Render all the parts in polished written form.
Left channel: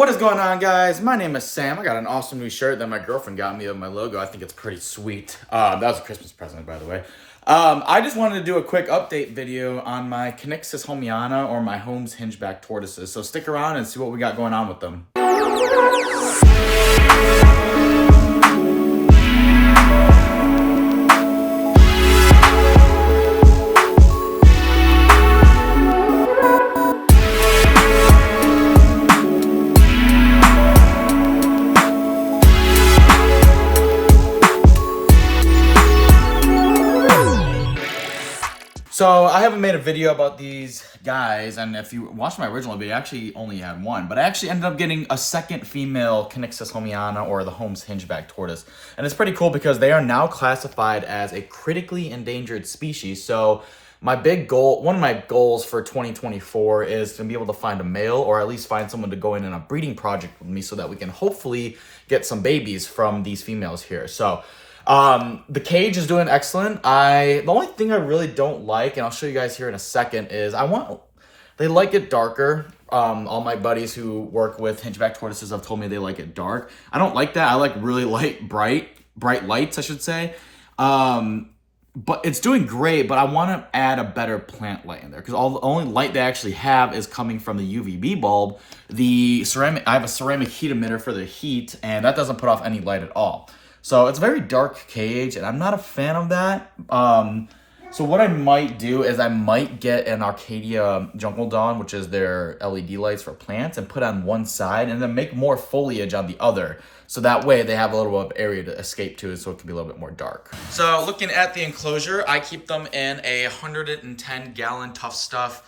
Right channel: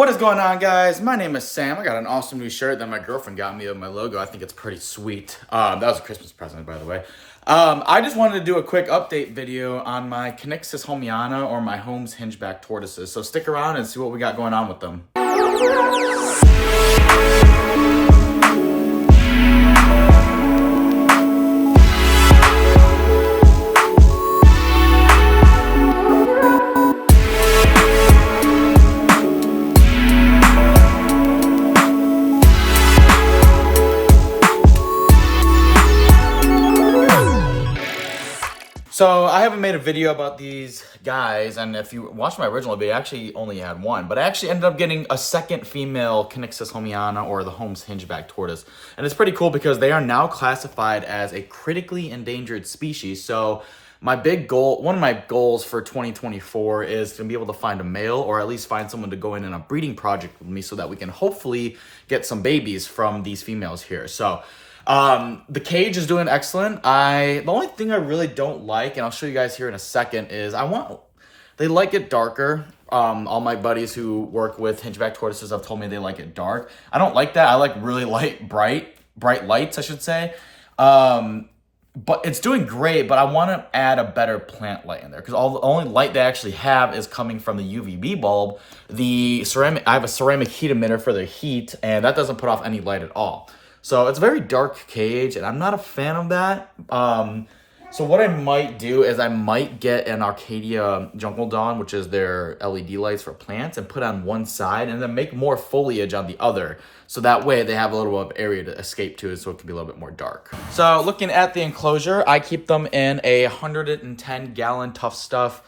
What is going on, guys? My name is Sam. I got an awesome new shirt that my girlfriend got me with my logo. I think it's pretty sweet. That was a Christmas present, by the way. I just wanted to do a quick update video on my K.homeana or my home's Hingeback Tortoises. So stick around and see what we got going on with them. So I haven't made a video about these guys, and if you watched my original video, I actually only had one, but I actually ended up getting a second female K.homeana or the Holmes Hingeback Tortoise. And it's pretty cool because they are now classified as a critically endangered species. So my big goal, one of my goals for 2024 is to be able to find a male or at least find someone to go in a breeding project with me so that we can hopefully get some babies from these females here. So the cage is doing excellent. The only thing I really don't like, and I'll show you guys here in a second, is they like it darker. All my buddies who work with Hingeback tortoises have told me they like it dark. I don't like that. I like really bright lights, I should say. But it's doing great, but I want to add a better plant light in there because the only light they actually have is coming from the UVB bulb. I have a ceramic heat emitter for the heat, and that doesn't put off any light at all. So it's a very dark cage, and I'm not a fan of that. So what I might do is I might get an Arcadia Jungle Dawn, which is their LED lights for plants, and put on one side and then make more foliage on the other. So that way they have a little bit of area to escape to, so it can be a little bit more dark. So looking at the enclosure, I keep them in a 110-gallon Tough Stuff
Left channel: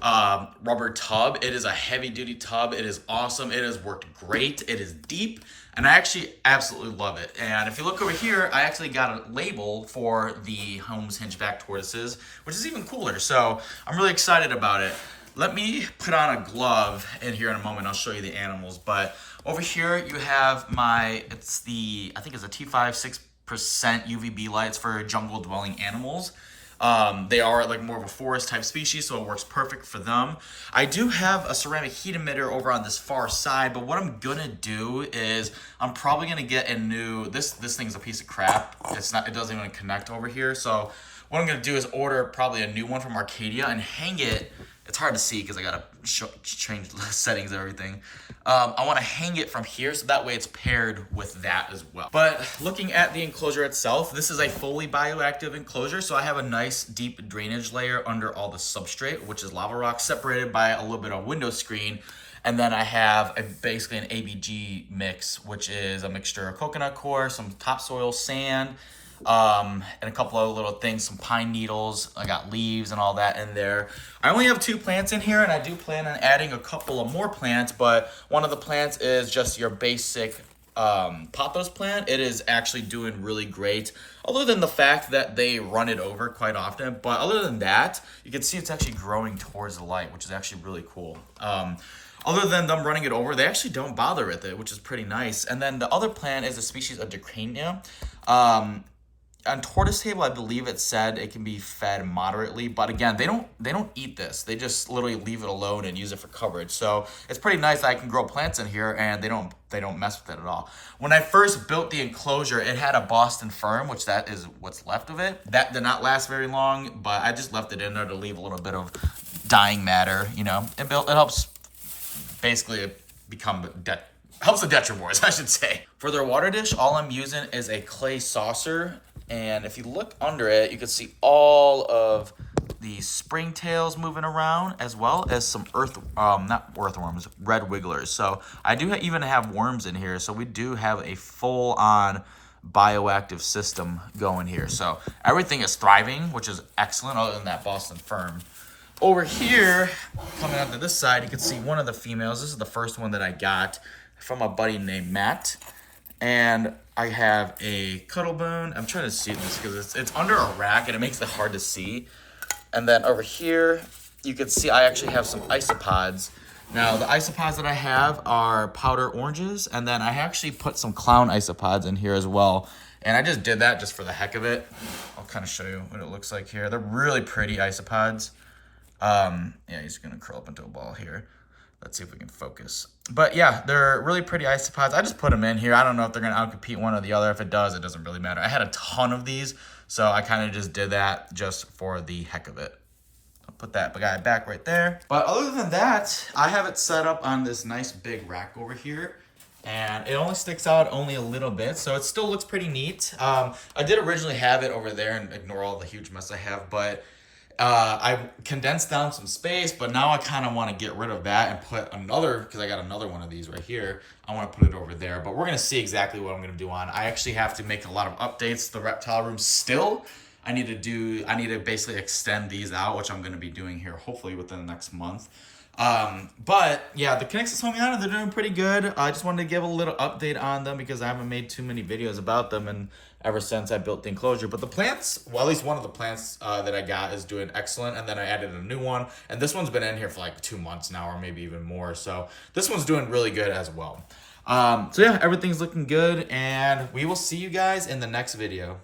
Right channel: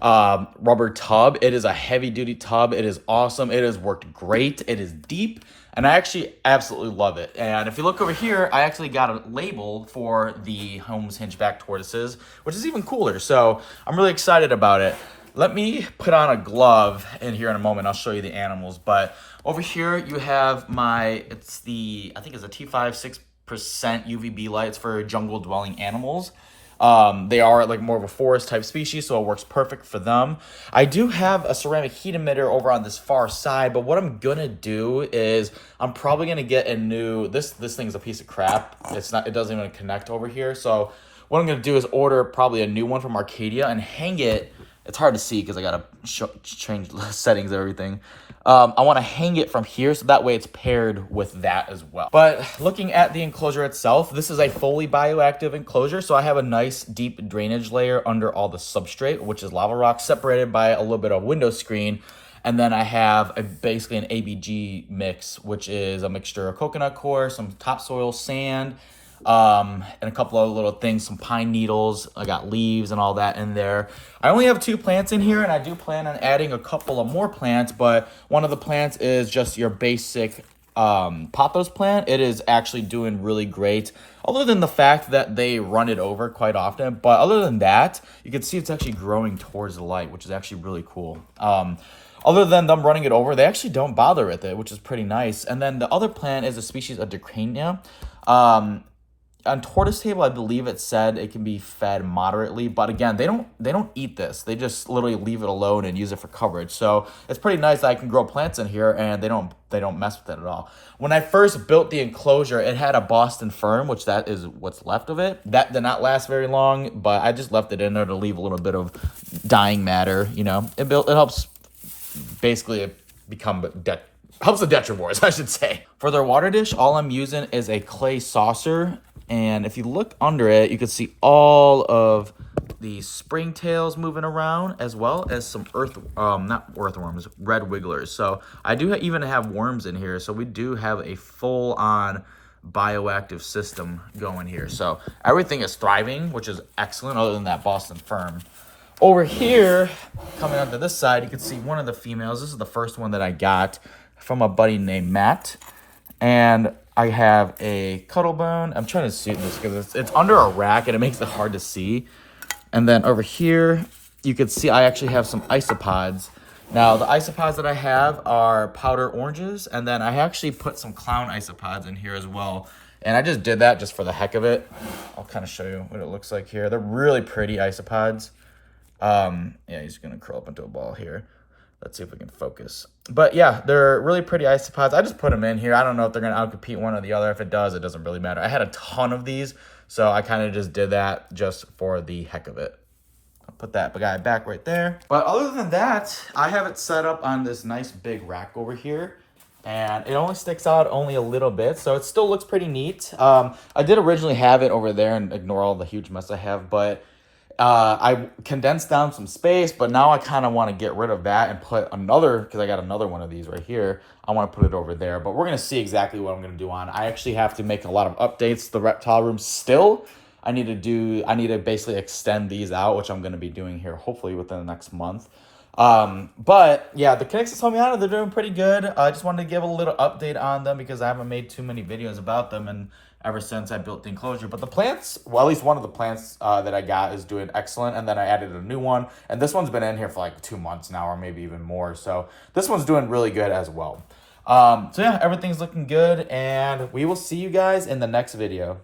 rubber tub. It is a heavy-duty tub. It is awesome. It has worked great. It is deep. And I actually absolutely love it. And if you look over here, I actually got a label for the Holmes Hingeback Tortoises, which is even cooler. So I'm really excited about it. Let me put on a glove in here in a moment. I'll show you the animals. But over here you have I think it's a T5 6% UVB lights for jungle dwelling animals. They are like more of a forest type species, so it works perfect for them. I do have a ceramic heat emitter over on this far side, but what I'm gonna do is I'm probably gonna get a new, this thing's a piece of crap. It doesn't even connect over here. So what I'm gonna do is order probably a new one from Arcadia and hang it. It's hard to see because I gotta change the settings and everything. I want to hang it from here so that way it's paired with that as well. But looking at the enclosure itself, this is a fully bioactive enclosure. So I have a nice deep drainage layer under all the substrate, which is lava rock, separated by a little bit of window screen. And then I have basically an ABG mix, which is a mixture of coconut coir, some topsoil, sand, and a couple of little things, some pine needles. I got leaves and all that in there. I only have 2 plants in here, and I do plan on adding a couple of more plants, but one of the plants is just your basic pothos plant. It is actually doing really great, other than the fact that they run it over quite often. But other than that, you can see it's actually growing towards the light, which is actually really cool. Other than them running it over, they actually don't bother with it, which is pretty nice. And then the other plant is a species of Dicrania. On Tortoise Table, I believe it said it can be fed moderately, but again, they don't eat this. They just literally leave it alone and use it for coverage. So it's pretty nice that I can grow plants in here and they don't mess with it at all. When I first built the enclosure, it had a Boston fern, which that is what's left of it. That did not last very long, but I just left it in there to leave a little bit of dying matter. You know, it helps basically helps the detrivores, I should say. For their water dish, all I'm using is a clay saucer. And if you look under it, you can see all of the springtails moving around, as well as some not earthworms, red wigglers. So I do even have worms in here. So we do have a full-on bioactive system going here. So everything is thriving, which is excellent, other than that Boston fern. Over here, coming onto this side, you can see one of the females. This is the first one that I got from a buddy named Matt. And I have a cuddle bone. I'm trying to see this because it's under a rack and it makes it hard to see. And then over here, you can see I actually have some isopods. Now, the isopods that I have are powder oranges, and then I actually put some clown isopods in here as well. And I just did that just for the heck of it. I'll kind of show you what it looks like here. They're really pretty isopods. Yeah, he's gonna curl up into a ball here. Let's see if we can focus. But yeah, they're really pretty isopods. I just put them in here. I don't know if they're gonna outcompete one or the other. If it does, it doesn't really matter. I had a ton of these, so I kind of just did that just for the heck of it. I'll put that guy back right there. But other than that, I have it set up on this nice big rack over here. And it only sticks out only a little bit, so it still looks pretty neat. I did originally have it over there, and ignore all the huge mess I have, but I condensed down some space, but now I kind of want to get rid of that and put another, because I got another one of these right here. I want to put it over there, but we're going to see exactly what I'm going to do on. I actually have to make a lot of updates to the reptile room still. I need to basically extend these out, which I'm going to be doing here hopefully within the next month. But yeah, the K.homeana, they're doing pretty good. I just wanted to give a little update on them because I haven't made too many videos about them and ever since I built the enclosure. But the plants, well, at least one of the plants that I got is doing excellent. And then I added a new one, and this one's been in here for like 2 months now, or maybe even more. So this one's doing really good as well. So yeah, everything's looking good, and we will see you guys in the next video.